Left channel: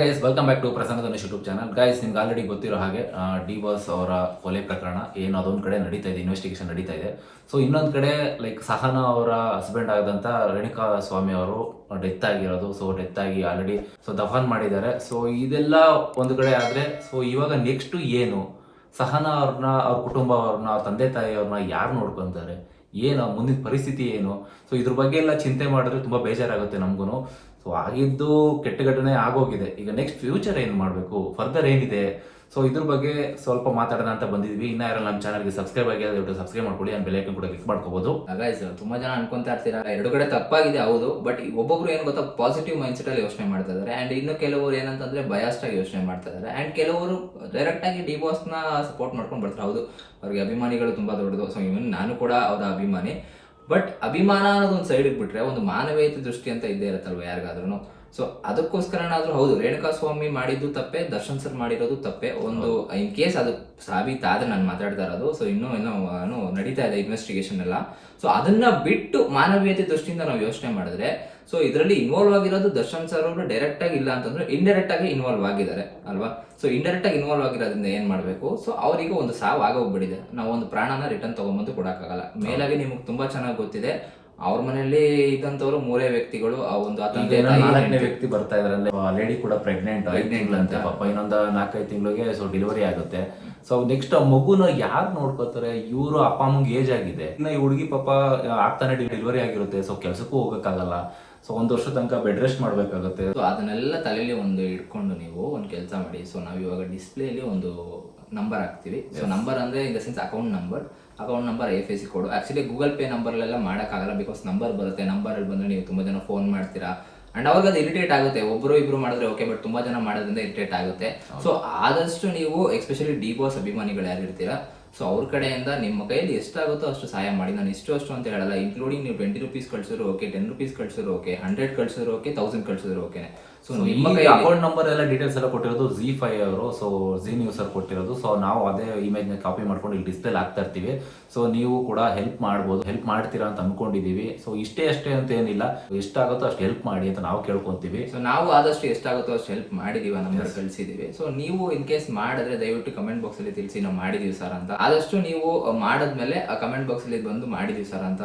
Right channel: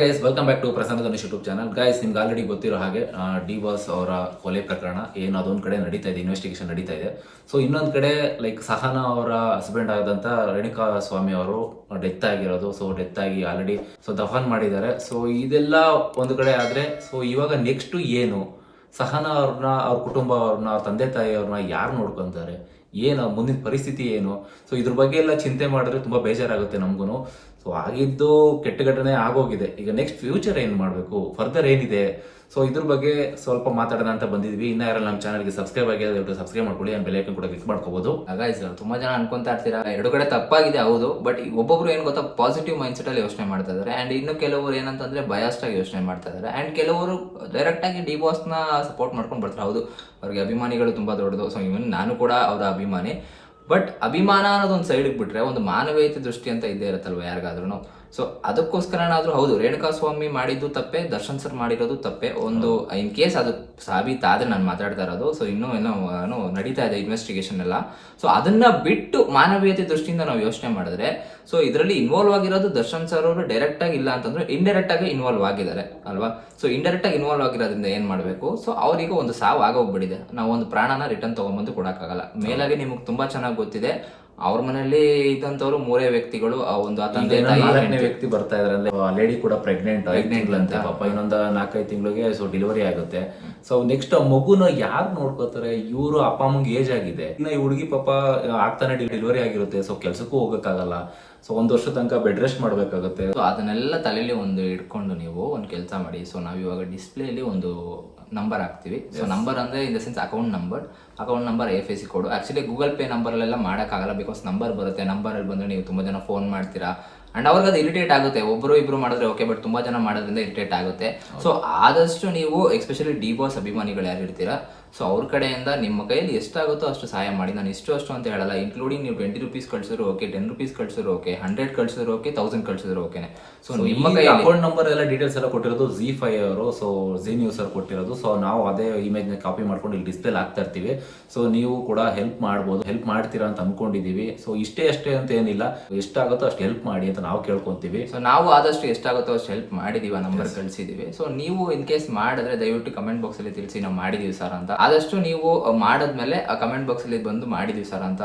Guys welcome back to Prasanna Dhanush YouTube channel guys ನಿಮ್ಗೆ already ಗೊತ್ತಿರೋ ಹಾಗೆ D boss ಅವರ ಕೊಲೆ ಪ್ರಕರಣ, ಏನು ಅದೊಂದು ಕಡೆ ನಡೀತಾ ಇದೆ ಇನ್ವೆಸ್ಟಿಗೇಷನ್ ನಡೀತಾ ಇದೆ. ಸೊ ಇನ್ನೊಂದು ಕಡೆ ಲೈಕ್ ಸಹನಾ ಅವರ ಹಸ್ಬೆಂಡ್ ಆದಂತ ರೇಣುಕಾ ಸ್ವಾಮಿ ಅವರು ಡೆತ್ ಆಗಿರೋದು. ಸೊ ಡೆತ್ ಆಗಿ ಆಲ್ರೆಡಿ ಸೊ ದಫಾನ್ ಮಾಡಿದ್ದಾರೆ. ಸೊ ಇದೆಲ್ಲ ಒಂದು ಕಡೆ ಆದ್ರೆ ಸೊ ಇವಾಗ ನೆಕ್ಸ್ಟ್ ಏನು? ಸಹನಾ ಅವ್ರನ್ನ, ಅವ್ರ ಕುಟುಂಬ ಅವ್ರನ್ನ ಅವ್ರ ತಂದೆ ತಾಯಿ ಅವ್ರನ್ನ ಯಾರು ನೋಡ್ಕೊಂತಾರೆ? ಏನು, ಮುಂದಿನ ಪರಿಸ್ಥಿತಿ ಏನು? ಸೊ ಇದ್ರ ಬಗ್ಗೆ ಎಲ್ಲ ಚಿಂತೆ ಮಾಡಿದ್ರೆ ತುಂಬಾ ಬೇಜಾರಾಗುತ್ತೆ ನಮಗೂ ಸೊ ಆಗಿದ್ದು ಕೆಟ್ಟ ಘಟನೆ ಆಗೋಗಿದೆ. ಈಗ ನೆಕ್ಸ್ಟ್ ಫ್ಯೂಚರ್ ಏನು ಮಾಡಬೇಕು? ಫರ್ದರ್ ಏನಿದೆ? ಸೊ ಇದ್ರ ಬಗ್ಗೆ ಸ್ವಲ್ಪ ಮಾತಾಡೋಣ ಅಂತ ಬಂದಿದ್ವಿ. ಇನ್ನ ಯಾರು ನಮ್ಮ ಚಾನಲ್ಗೆ ಸಬ್ಸ್ಕ್ರೈಬ್ ಆಗಿದೆ ದಯವಿಟ್ಟು ಸಬ್ಸ್ಕ್ರೈಬ್ ಮಾಡ್ಕೊಳ್ಳಿ. ಬೆಲ್ ಕೂಡ ಕ್ಲಿಕ್ ಮಾಡ್ಕೋಬಹುದು ಗೈಸ್ ತುಂಬಾ ಜನ ಅನ್ಕೊಂತಾ ಇರ್ತೀರಾ? ಎರಡು ಕಡೆ ತಪ್ಪಾಗಿದೆ, ಹೌದು. ಬಟ್ ಒಬ್ಬೊಬ್ರು ಏನ್ ಗೊತ್ತಾ? ಪಾಸಿಟಿವ್ ಮೈಂಡ್ ಸೆಟ್ ಅಲ್ಲಿ ಯೋಚನೆ ಮಾಡ್ತಾ ಇದಾರೆ. ಅಂಡ್ ಇನ್ನು ಕೆಲವರು ಏನಂತಂದ್ರೆ ಬಯಾಸ್ಟ್ ಆಗಿ ಯೋಚನೆ ಮಾಡ್ತಾ ಇದಾರೆ. ಅಂಡ್ ಕೆಲವರು ಡೈರೆಕ್ಟ್ ಆಗಿ ಡಿ ನ ಸಪೋರ್ಟ್ ಮಾಡ್ಕೊಂಡು ಬರ್ತಾರೆ. ಹೌದು. ಅವ್ರಿಗೆ ಅಭಿಮಾನಿಗಳು ತುಂಬಾ ದೊಡ್ಡದು. ಸೊ ಇವನ್ ನಾನು ಕೂಡ ಅವ್ರ ಅಭಿಮಾನಿ. ಬಟ್ ಅಭಿಮಾನ ಅನ್ನೋದು ಒಂದು ಸೈಡ್ ಬಿಟ್ರೆ ಒಂದು ಮಾನವೀಯತೆ ದೃಷ್ಟಿ ಅಂತ ಇದ್ದೇ ಇರುತ್ತಲ್ವ ಯಾರಿಗಾದ್ರೂ ಸೊ ಅದಕ್ಕೋಸ್ಕರನಾದ್ರೂ ಹೌದು ರೇಣುಕಾ ಸ್ವಾಮಿ ಮಾಡಿದ್ದು ತಪ್ಪೆ ದರ್ಶನ್ ಸರ್ ಮಾಡಿರೋದು ತಪ್ಪೆ. ಒಂದು ಇನ್ ಕೇಸ್ ಅದು ಸಾಬೀತಾದ್ರೆ ನಾನು ಮಾತಾಡ್ತಾ ಇರೋದು. ಸೊ ಇನ್ನೂ ಏನೋ ಏನು ನಡೀತಾ ಇದೆ ಇನ್ವೆಸ್ಟಿಗೇಷನ್ ಎಲ್ಲ. ಸೊ ಅದನ್ನ ಬಿಟ್ಟು ಮಾನವೀಯತೆ ದೃಷ್ಟಿಯಿಂದ ನಾವು ಯೋಚನೆ ಮಾಡಿದ್ರೆ ಸೊ ಇದರಲ್ಲಿ ಇನ್ವಾಲ್ವ್ ಆಗಿರೋದು ದರ್ಶನ್ ಸರ್ ಅವರು ಡೈರೆಕ್ಟ್ ಆಗಿ ಇಲ್ಲ ಅಂತಂದ್ರೆ ಇಂಡೈರೆಕ್ಟ್ ಆಗಿ ಇನ್ವಾಲ್ವ್ ಆಗಿದ್ದಾರೆ ಅಲ್ವಾ? ಸೊ ಇಂಡೈರೆಕ್ಟ್ ಆಗಿ ಇನ್ವಾಲ್ವ್ ಆಗಿರೋದ್ರಿಂದ ಏನ್ ಮಾಡಬೇಕು? ಸೊ ಅವರಿಗೆ ಒಂದು ಸಾವು ಆಗೋಗ್ಬಿಟ್ಟಿದೆ. ನಾವು ಒಂದು ಪ್ರಾಣನ ರಿಟರ್ನ್ ತಗೊಂಬಂದು ಕೊಡೋಕ್ಕಾಗಲ್ಲ. ಮೇಲಾಗಿ ನಿಮಗೆ ತುಂಬಾ ಚೆನ್ನಾಗಿ ಗೊತ್ತಿದೆ. ಅವ್ರ ಮನೆಯಲ್ಲಿ ಇದ್ದಂತವ್ರು ಮೂರೇ ವ್ಯಕ್ತಿಗಳು ಆ ಒಂದು ಆ ಈಗ ಏನೋ ತಾಯಿ, ನಾಲ್ಕನೇ ಹೆಂಡ್ತಿ. ವ್ಯಕ್ತಿ ಬರ್ತಾ ಇದ್ರಲ್ಲಿ ಲೇಡಿ ಕೂಡ ಪ್ರೆಗ್ನೆಂಟ್ ಐದು ತಿಂಗಳಂತೆ ಪಾಪ ಇನ್ನೊಂದು ನಾಲ್ಕೈದು ತಿಂಗಳಿಗೆ ಸೊ ಡೆಲಿವರಿ ಆಗುತ್ತೆ. ಸೊ ನೆಕ್ಸ್ಟ್ ಆ ಮಗುನ ಯಾರು ನೋಡ್ಕೋತಾರೆ ಇವರು ಅಪ್ಪ ಅಮ್ಮಂಗೆ ಏಜ್ ಆಗಿದೆ. ಇನ್ನ ಈ ಹುಡುಗಿ ಪಾಪ ಆಗ್ತಾನೆ ಡೆಲಿವರಿ ಆಗಿರುತ್ತೆ ಸೊ ಕೆಲ್ಸಕ್ಕೂ ಹೋಗಕ್ಕಾಗಲ್ಲ. ಸೊ ಒಂದ್ ವರ್ಷ ತನಕ ಬೆಡ್ ರೆಸ್ಟ್ ಮಾಡ್ಬೇಕಾಗುತ್ತೆ. ಸೊ ಅದನ್ನೆಲ್ಲ ತಲೆಯಲ್ಲಿ ಒಂದು ಇಟ್ಕೊಂಡು ನೀವು ಒಂದು ಕೆಲಸ ಮಾಡಿ. ಸೊ ನಾವು ಇವಾಗ ಡಿಸ್ಪ್ಲೇಲಿ ಒಂದು ನಂಬರ್ ಹಾಕ್ತೀವಿ. ಸೊ ನಂಬರ್ ಅಂದ್ರೆ in the sense account number account number F S C code actually Google pay ನಂಬರ್ಲೆಲ್ಲ ಮಾಡೋಕ್ಕಾಗಲ್ಲ ಬಿಕಾಸ್ ನಂಬರ್ ಬರುತ್ತೆ. ನಂಬರ್ ಬಂದ್ರೆ ನೀವು ತುಂಬಾ ಜನ ಫೋನ್ ಮಾಡ್ತೀರಾ. ಅಂಡ್ ಅವಾಗ ಅದು ಇರಿಟೇಟ್ ಆಗುತ್ತೆ. ಒಬ್ಬರು ಇಬ್ಬರು ಮಾಡಿದ್ರೆ ಓಕೆ ಬಟ್ ತುಂಬಾ ಜನ ಮಾಡೋದ್ರಿಂದ ಇರಿಟೇಟ್ ಆಗುತ್ತೆ. ಸೊ ಆದಷ್ಟು ನೀವು ಎಸ್ಪೆಷಲಿ ಡಿ ಬಾಸ್ ಅಭಿಮಾನಿಗಳು ಯಾರು ಇರ್ತೀರಾ ಸೊ ಅವ್ರ ಕಡೆಯಿಂದ ನಿಮ್ಮ ಕೈಯಲ್ಲಿ ಎಷ್ಟಾಗುತ್ತೋ ಅಷ್ಟು ಸಹಾಯ ಮಾಡಿ. ನಾನು ಇಷ್ಟು ಅಷ್ಟು ಅಂತ ಹೇಳಲ್ಲ. ಇನ್ಕ್ಲೂಡಿಂಗ್ ನೀವು ಟ್ವೆಂಟಿ ರುಪೀಸ್ ಕಳ್ಸಿದ್ರು ಓಕೆ ಟೆನ್ ರುಪೀಸ್ ಕಳ್ಸಿದ್ರು ಓಕೆ ಹಂಡ್ರೆಡ್ ಕಳ್ಸಿದ್ರು ಓಕೆ ತೌಸಂಡ್ ಕಳ್ಸಿದ್ರು ಓಕೆ ಸೊ ನಿಮ್ಮ ಕೈ ಅಕೌಂಟ್ ನಂಬರ್ ಎಲ್ಲ ಡೀಟೇಲ್ಸ್ ಎಲ್ಲ ಕೊಟ್ಟಿರೋದು ಜಿ ಫೈ ಅವರು. ಸೊ ಜಿ ನ್ಯೂಸ್ ಅವ್ರು ಕೊಟ್ಟಿರೋದು. ಸೊ ನಾವು ಅದೇ ಇಮೇಜ್ನ ಕಾಪಿ ಮಾಡ್ಕೊಂಡು ಇಲ್ಲಿ ಡಿಸ್ಪ್ಲೇ ಆಗ್ತಾ ಇರ್ತೀವಿ. ಸೊ ನೀವು ಕೂಡ ಹೆಲ್ಪ್ ಮಾಡ್ಬೋದು. ಹೆಲ್ಪ್ ಮಾಡ್ತೀರಾ ಅಂತ ಅನ್ಕೊಂಡಿದೀವಿ ಸೊ ಇಷ್ಟೇ ಅಷ್ಟೇ ಅಂತ ಏನಿಲ್ಲ. ಎಷ್ಟಾಗುತ್ತೋ ಅಷ್ಟು ಹೆಲ್ಪ್ ಮಾಡಿ ಅಂತ ನಾವು ಕೇಳ್ಕೊಂತೀವಿ. ಸೊ ನಾವು ಆದಷ್ಟು ಎಷ್ಟಾಗುತ್ತೋ ಅಷ್ಟು ಹೆಲ್ಪ್ ಮಾಡಿದೀವಿ ಆ ನಂಬರ್ ಕಳಿಸಿದೀವಿ ಸೊ ನೀವು ಇನ್ ಕೇಸ್ ಮಾಡಿದ್ರೆ ದಯವಿಟ್ಟು ಕಮೆಂಟ್ ಬಾಕ್ಸ್ ಅಲ್ಲಿ ತಿಳಿಸಿ ನಾವು ಮಾಡಿದೀವಿ ಸರ್ ಅಂತ. ಆದಷ್ಟು ನೀವು ಮಾಡಿದ್ಮೇಲೆ, ಆ ಕಮೆಂಟ್ ಬಾಕ್ಸ್ ಅಲ್ಲಿ ಬಂದು ಮಾಡಿದ್ದೀವಿ ಸರ್ ಅಂತ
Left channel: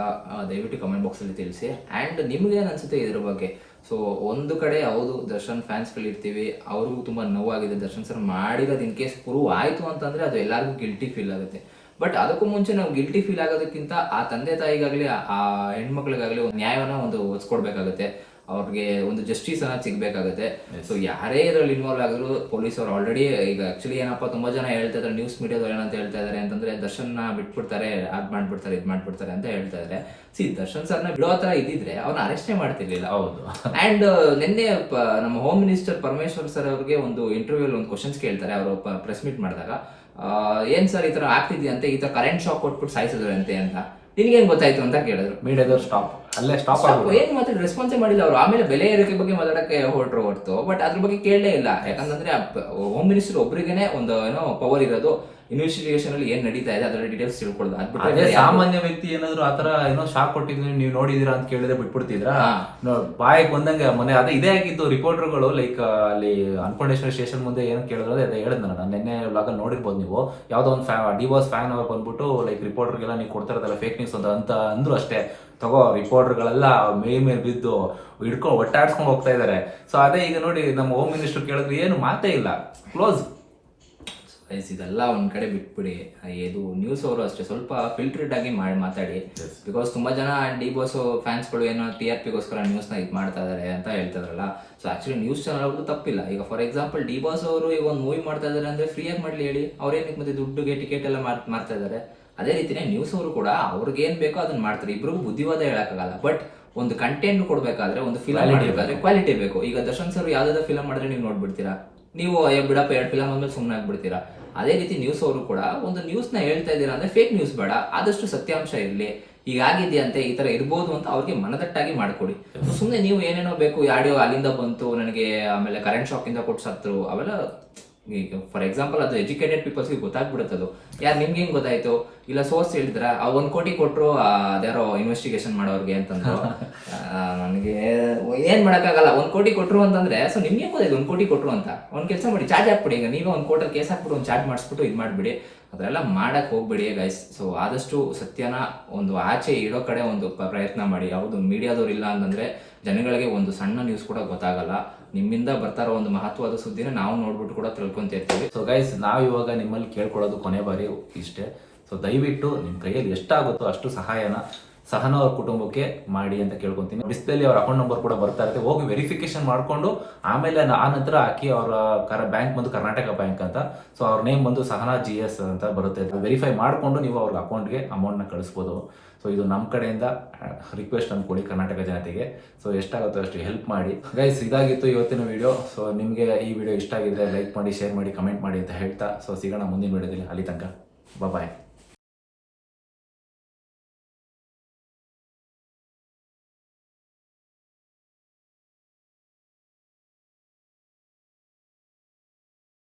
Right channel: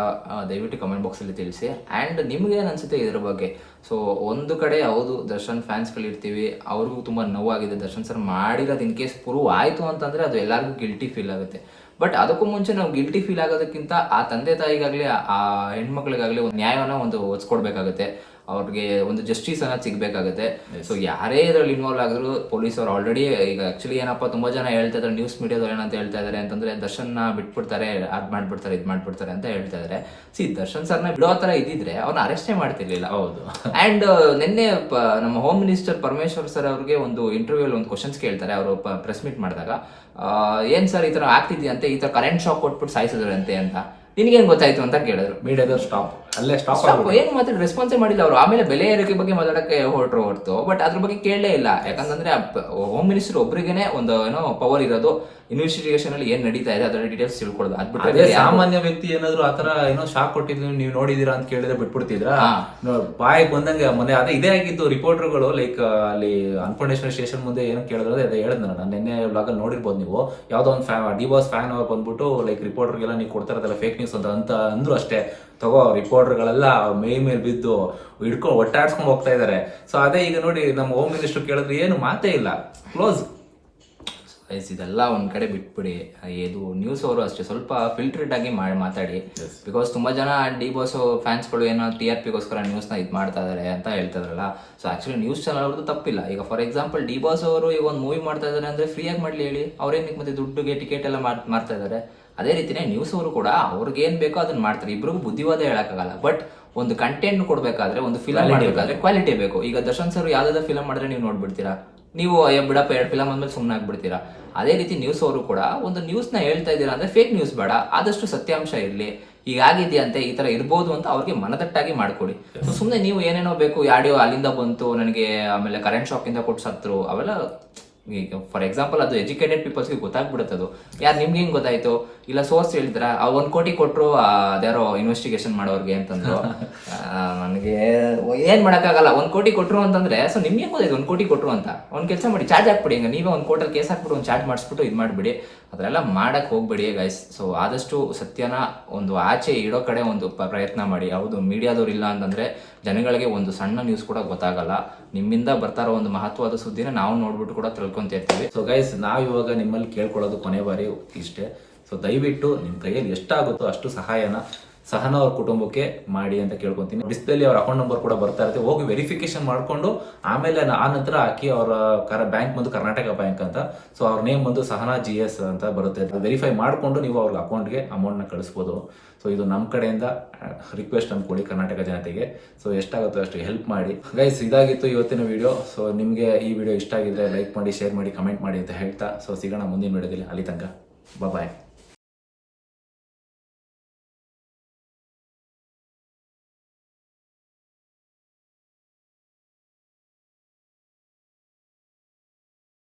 ದಯವಿಟ್ಟು ಕಮೆಂಟ್ ಬಾಕ್ಸ್ ಅಲ್ಲಿ ತಿಳಿಸಿ. ಆ್ಯಂಡ್ ನಿಮ್ಗೆ ಅನಿಸುತ್ತೆ ಇದ್ರ ಬಗ್ಗೆ? ಸೊ ಒಂದು ಕಡೆ ಹೌದು, ದರ್ಶನ್ ಫ್ಯಾನ್ಸ್ ಇರ್ತೀವಿ. ಅವ್ರಿಗೂ ತುಂಬಾ ನೋವಾಗಿದೆ. ದರ್ಶನ್ ಸರ್ ಮಾಡಿರೋದು ಇನ್ ಕೇಸ್ ಪ್ರೂವ್ ಆಯಿತು ಅಂತಂದ್ರೆ ಅದು ಎಲ್ಲರಿಗೂ ಗಿಲ್ಟಿ ಫೀಲ್ ಆಗುತ್ತೆ. ಬಟ್ ಅದಕ್ಕೂ ಮುಂಚೆ ನಾವು ಗಿಲ್ಟಿ ಫೀಲ್ ಆಗೋದಕ್ಕಿಂತ ಆ ತಂದೆ ತಾಯಿಗಾಗಲಿ, ಆ- ಹೆಣ್ಮಕ್ಳಿಗಾಗ್ಲಿ ಒಂದು ನ್ಯಾಯವನ್ನ ಒಂದು ಒಚ್ಕೊಡ್ಬೇಕಾಗುತ್ತೆ ಅವ್ರಿಗೆ ಒಂದು ಜಸ್ಟಿಸ್ ಅನ್ನೋದು ಸಿಗಬೇಕಾಗುತ್ತೆ. ಸೊ ಯಾರೇ ಇದರಲ್ಲಿ ಇನ್ವಾಲ್ವ್ ಆಗಿದ್ರು ಪೊಲೀಸ್ ಅವ್ರು ಆಲ್ರೆಡಿ ಈಗ ಆಕ್ಚುಲಿ ಏನಪ್ಪ ತುಂಬಾ ಜನ ಹೇಳ್ತಾ ಇದ್ದಾರೆ ನ್ಯೂಸ್ ಮೀಡಿಯಾದವ್ರು ಏನಂತ ಹೇಳ್ತಾ ಇದಾರೆ ಅಂತಂದ್ರೆ ದರ್ಶನ್ ಬಿಟ್ಬಿಡ್ತಾರೆ ಅದ್ ಮಾಡ್ಬಿಡ್ತಾರೆ ಇದ್ ಮಾಡ್ಬಿಡ್ತಾರೆ ಅಂತ ಹೇಳ್ತಾ ಇದಾರೆ ಸಿ ದರ್ಶನ್ ಸರ್ನ ಬಿಡೋ ತರ ಇದ್ದಿದ್ರೆ ಅವ್ನ ಅರೆಸ್ಟೇ ಮಾಡ್ತಿರ್ಲಿಲ್ಲ. ಹೌದು. ಅಂಡ್ ನಿನ್ನೆ ನಮ್ಮ ಹೋಮ್ ಮಿನಿಸ್ಟರ್ ಪರಮೇಶ್ವರ್ ಸರ್ ಅವ್ರಿಗೆ ಒಂದು ಇಂಟರ್ವ್ಯೂ ಒಂದು ಕ್ವಶನ್ಸ್ ಕೇಳ್ತಾರೆ ಅವರು ಪ್ರೆಸ್ ಮೀಟ್ ಮಾಡಿದಾಗ. ಏನ್ ಸರ್ ಈ ತರ ಆಗ್ತಿದ್ಯಂತೆ ಈ ತರ ಕರೆಂಟ್ ಶಾಕ್ ಕೊಟ್ಬಿಟ್ಟು ಸಾಯಿಸಿದ್ರಂತೆ ಅಂತ. ನಿನ್ಗೇನ್ ಗೊತ್ತಾಯ್ತು ಅಂತ ಕೇಳಿದ್ರು. ಮೀಡಿಯಾದವ್ರು ಸ್ಟಾಪ್ ಅಲ್ಲೇ ಸ್ಟಾಪ್ Stop. ಏನು ಮಾತಾಡಿ ರೆಸ್ಪಾನ್ಸೇ ಮಾಡಿಲ್ಲ ಅವರು. ಆಮೇಲೆ ಬೆಲೆ ಏರಿಕೆ ಬಗ್ಗೆ ಮಾತಾಡಕ್ಕೆ ಹೊರಟ್ರು ಹೊರತು. ಬಟ್ ಅದ್ರ ಬಗ್ಗೆ ಕೇಳಲೇ ಇಲ್ಲ. ಯಾಕಂತಂದ್ರೆ ಹೋಮ್ ಮಿನಿಸ್ಟರ್ ಒಬ್ರಿಗೇನೆ ಒಂದು ಏನೋ ಪವರ್ ಇರೋದು. ಇನ್ವೆಸ್ಟಿಗೇಷನ್ ಅಲ್ಲಿ ಏನ್ ನಡೀತಾ ಇದೆ ಅದರ ಡೀಟೇಲ್ಸ್ ತಿಳ್ಕೊಳ್ಳೋದು. ಅದ್ ಬಿಟ್ರೆ ಅದೇ ಸಾಮಾನ್ಯ ವ್ಯಕ್ತಿ ಏನಾದ್ರು ಆತರ ಏನೋ ಶಾಕ್ ಕೊಟ್ಟಿದ್ರು ನೀವು ನೋಡಿದೀರಾ ಅಂತ ಕೇಳಿದ್ರೆ ಬಿಟ್ಬಿಡ್ತಿದ್ರ? ಬಾಯಿಗೆ ಬಾಯಿ ಬಂದಂಗೆ ಮೊನ್ನೆ ಅದೇ ಇದೇ ಆಗಿದ್ದು ರಿಪೋರ್ಟರ್ಗಳು ಲೈಕ್ ಅಲ್ಲಿ ಅನ್ಫೌಂಡೇಶನ್ ಸ್ಟೇಷನ್ ಮುಂದೆ ಏನು ಕೇಳಿದ್ರೆ ಅದೇ ಹೇಳಿದ್ ನಾನು. ನಿನ್ನೆ ಅಲ್ಲಿ ನೋಡಿರ್ಬೋದು ನೀವು. ಯಾವ್ದೋ ಒಂದು ಫ್ಯಾನ್ ಡಿ ಬಾಸ್ ಫ್ಯಾನ್ ಅವ್ರು ಬಂದ್ಬಿಟ್ಟು ಲೈಕ್ ರಿಪೋರ್ಟರ್ಗೆಲ್ಲ ನೀವು ಕೊಡ್ತಾ ಇರೋದಲ್ಲ ಫೇಕ್ ನ್ಯೂಸ್ ಅಂತ ಅಂತ ಅಂದ್ರು ಅಷ್ಟೇ. ತಗೋ ರಿಪೋರ್ಟರ್ಗಳೆಲ್ಲ ಮೇ ಮೇಲೆ ಬಿದ್ದು ಹಿಡ್ಕೊಂಡು ಒಟ್ಟಾಡ್ಸ್ಕೊಂಡು ಹೋಗ್ತಾ ಇದಾರೆ. ಸೊ ಅದೇ ಈಗ ನೋಡಿ ನಮ್ಮ ಹೋಮ್ ಮಿನಿಸ್ಟರ್ ಕೇಳಿದ್ರೆ ಏನು ಮಾತೇ ಇಲ್ಲ. ಕ್ಲೋಸ್ Guys, ಇದೆಲ್ಲ ಒಂದ್ ಕಡೆ ಬಿಟ್ಬಿಡಿ. ಇದು ನ್ಯೂಸ್ ಅವರು ಅಷ್ಟೇ. ಸ್ವಲ್ಪ ಫಿಲ್ಟರ್ಡ್ ಆಗಿ ಮಾಡಿ ಮಾತಾಡಿ. ಬಿಕಾಸ್ ತುಂಬಾ ಜನ ಡಿ ಬಾಸ್ ಫ್ಯಾನ್ಸ್ಗಳು ಏನೋ ಟಿ ಆರ್ ಪಿಗೋಸ್ಕರ ನ್ಯೂಸ್ನ ಇದು ಮಾಡ್ತಾ ಇದಾರೆ ಅಂತ ಹೇಳ್ತಾರಲ್ಲ ಸೊ ಆಕ್ಚುಲಿ ನ್ಯೂಸ್ ಚಾನಲ್ ಅವ್ರದ್ದು ತಪ್ಪಿಲ್ಲ. ಈಗ ಫಾರ್ ಎಕ್ಸಾಂಪಲ್ ಡಿ ಬಾಸ್ ಅವರು ಈಗ ಒಂದು ಮೂವಿ ಮಾಡ್ತಾ ಇದಾರೆ ಅಂದ್ರೆ ಫ್ರೀ ಆಗಿ ಮಾಡ್ಲಿ ಹೇಳಿ. ಅವ್ರೇನಕ್ಕೆ ಮತ್ತೆ ದುಡ್ಡುಗೆ ಟಿಕೆಟ್ ಎಲ್ಲ ಮಾಡ್ತಾ ಇದಾರೆ? ಅದೇ ರೀತಿನೇ ನ್ಯೂಸ್ ಅವರು ಕೂಡ ಅವ್ರಿಗೆ ಏನ್ ಬೇಕೋ ಅದನ್ನ ಮಾಡ್ತಾರೆ. ಇಬ್ರಿಗೂ ಬುದ್ಧಿವಾದ ಹೇಳಕ್ಕಾಗಲ್ಲ. ಬಟ್ ಒಂದು ಕಂಟೆಂಟ್ ಕೊಡ್ಬೇಕಾದ್ರೆ ಒಂದು ಫಿಲಮ್ ಕ್ವಾಲಿಟಿ ಬೇಕು. ಈಗ ದರ್ಶನ್ ಸರ್ ಯಾವ್ದಾದ್ರು ಫಿಲಮ್ ಮಾಡಿದ್ರೆ ನೀವು ನೋಡ್ಬಿಡ್ತೀರಾ? ನೀವು ಅಯ್ಯೋ ಬಿಡಪ್ಪ, ಎರಡು ಫಿಲಮ್ ಅಂದ್ಮೇಲೆ ಸುಮ್ಮನೆ ಆಗ್ಬಿಡ್ತೀರಾ? ಅದೇ ರೀತಿ ನ್ಯೂಸ್ ಅವರು ಕೂಡ ಒಂದು ನ್ಯೂಸ್ನ ಹೇಳ್ತಾ ಇದ್ದೀರಾ ಅಂದ್ರೆ ಫೇಕ್ ನ್ಯೂಸ್ ಬೇಡ, ಆದಷ್ಟು ಸತ್ಯಾಂಶ ಇರಲಿ, ಹೀಗಾಗಿದೆಯಂತೆ ಈ ತರ ಇರ್ಬೋದು ಅಂತ ಅವ್ರಿಗೆ ಮನದಟ್ಟಾಗಿ ಮಾಡ್ಕೊಡಿ. ಸುಮ್ಮನೆ ನೀವು ಏನೇನೋ ಬೇಕು ಆಡಿಯೋ ಅಲ್ಲಿಂದ ಬಂತು, ನನಗೆ ಆಮೇಲೆ ಕರೆಂಟ್ ಶಾಕಿಂದ ಕೊಟ್ಟು ಸತ್ರು, ಅವೆಲ್ಲ ಈಗ ಫಾರ್ ಎಕ್ಸಾಂಪಲ್ ಅದು ಎಜುಕೇಟೆಡ್ ಪೀಪಲ್ಸ್ಗೆ ಗೊತ್ತಾಗ್ಬಿಡುತ್ತೆ ಅದು. ಯಾರು ನಿಮ್ಗೆ ಹೆಂಗೆ ಗೊತ್ತಾಯ್ತು? ಇಲ್ಲ ಸೋರ್ಸ್ ಹೇಳಿದ್ರ? ಆ ಒಂದ್ ಕೋಟಿ ಕೊಟ್ರು ಅದ್ಯಾರೋ ಇನ್ವೆಸ್ಟಿಗೇಷನ್ ಮಾಡೋರ್ಗೆ ಅಂತಂದ್ರು. ನನಗೆ ಏನ್ ಮಾಡಕ್ಕಾಗಲ್ಲ. ಒಂದ್ ಕೋಟಿ ಕೊಟ್ರು ಅಂತಂದ್ರೆ ಸೊ ನಿಮ್ಗೆ ಗೊತ್ತಾಯ್ತು ಒಂದ್ ಕೋಟಿ ಕೊಟ್ರು ಅಂತ? ಒಂದ್ ಕೆಲಸ ಮಾಡಿ ಚಾರ್ಜ್ ಹಾಕ್ಬಿಡಿ. ಈಗ ನೀವೇ ಒಂದ್ ಕೋಟಲ್ಲಿ ಕೇಸ್ ಹಾಕ್ಬಿಟ್ಟು ಒಂದು ಚಾರ್ಜ್ ಮಾಡಿಸ್ಬಿಟ್ಟು ಇದು ಮಾಡ್ಬಿಡಿ. ಅದೆಲ್ಲ ಮಾಡಕ್ ಹೋಗ್ಬೇಡಿ ಗೈಸ್ ಸೊ ಆದಷ್ಟು ಸತ್ಯನ ಒಂದು ಆಚೆ ಇಡೋ ಕಡೆ ಒಂದು ಪ್ರಯತ್ನ ಮಾಡಿ. ಯಾವುದು ಮೀಡಿಯಾದವ್ರು ಇಲ್ಲ ಅಂತಂದ್ರೆ ಜನಗಳಿಗೆ ಒಂದು ಸಣ್ಣ ನ್ಯೂಸ್ ಕೂಡ ಗೊತ್ತಾಗಲ್ಲ. ನಿಮ್ಮಿಂದ ಬರ್ತಾರೋ ಒಂದು ಮಹತ್ವದ ಸುದ್ದಿನ ನಾವು ನೋಡ್ಬಿಟ್ಟು ಕೂಡ ತಿಳ್ಕೊಂತಿರ್ತೀವಿ ಸೊ ಗೈಸ್ ನಾವು ಇವಾಗ ನಿಮ್ಮಲ್ಲಿ ಕೇಳ್ಕೊಳ್ಳೋದು ಕೊನೆ ಬಾರಿ ಇಷ್ಟೇ. ಸೊ ದಯವಿಟ್ಟು ನಿಮ್ಮ ಕೈಯಲ್ಲಿ ಎಷ್ಟಾಗುತ್ತೋ ಅಷ್ಟು ಸಹಾಯನ ಸಹನ ಅವ್ರ ಕುಟುಂಬಕ್ಕೆ ಮಾಡಿ ಅಂತ ಕೇಳ್ಕೊಂತೀನಿ. ಡಿಸ್ಪ್ಲೇಲಿ ಅವ್ರ ಅಕೌಂಟ್ ನಂಬರ್ ಕೂಡ ಬರ್ತಾ ಇರುತ್ತೆ. ಹೋಗಿ ವೆರಿಫಿಕೇಶನ್ ಮಾಡಿಕೊಂಡು, ಆಮೇಲೆ ಆ ನಂತರ ಹಾಕಿ ಅವರ ಕರ ಬ್ಯಾಂಕ್ ಬಂದು ಕರ್ನಾಟಕ ಬ್ಯಾಂಕ್ ಅಂತ. ಸೊ ಅವ್ರ ನೇಮ್ ಬಂದು ಸಹನಾ ಜಿ ಎಸ್ ಅಂತ ಬರುತ್ತೆ. ವೆರಿಫೈ ಮಾಡಿಕೊಂಡು ನೀವು ಅವ್ರ ಅಕೌಂಟ್ಗೆ ಅಮೌಂಟ್ನ ಕಳಿಸ್ಬೋದು. ಸೊ ಇದು ನಮ್ಮ ಕಡೆಯಿಂದ ರಿಕ್ವೆಸ್ಟ್ ಅಂದ್ಕೊಳ್ಳಿ ಕರ್ನಾಟಕ ಜನತೆಗೆ. ಸೊ ಎಷ್ಟಾಗುತ್ತೋ ಅಷ್ಟು ಹೆಲ್ಪ್ ಮಾಡಿ. ಗೈಸ್ ಇದಾಗಿತ್ತು ಇವತ್ತಿನ ವಿಡಿಯೋ ಸೊ ನಿಮಗೆ ಈ ವಿಡಿಯೋ ಇಷ್ಟ ಆಗಿದ್ರೆ ಲೈಕ್ ಮಾಡಿ ಶೇರ್ ಮಾಡಿ ಕಮೆಂಟ್ ಮಾಡಿ ಅಂತ ಹೇಳ್ತಾ. ಸೊ ಸಿಗೋಣ ಮುಂದಿನ ವಿಡಿಯೋದಲ್ಲಿ ಅಲ್ಲಿ ತನಕ. ಬಾಯ್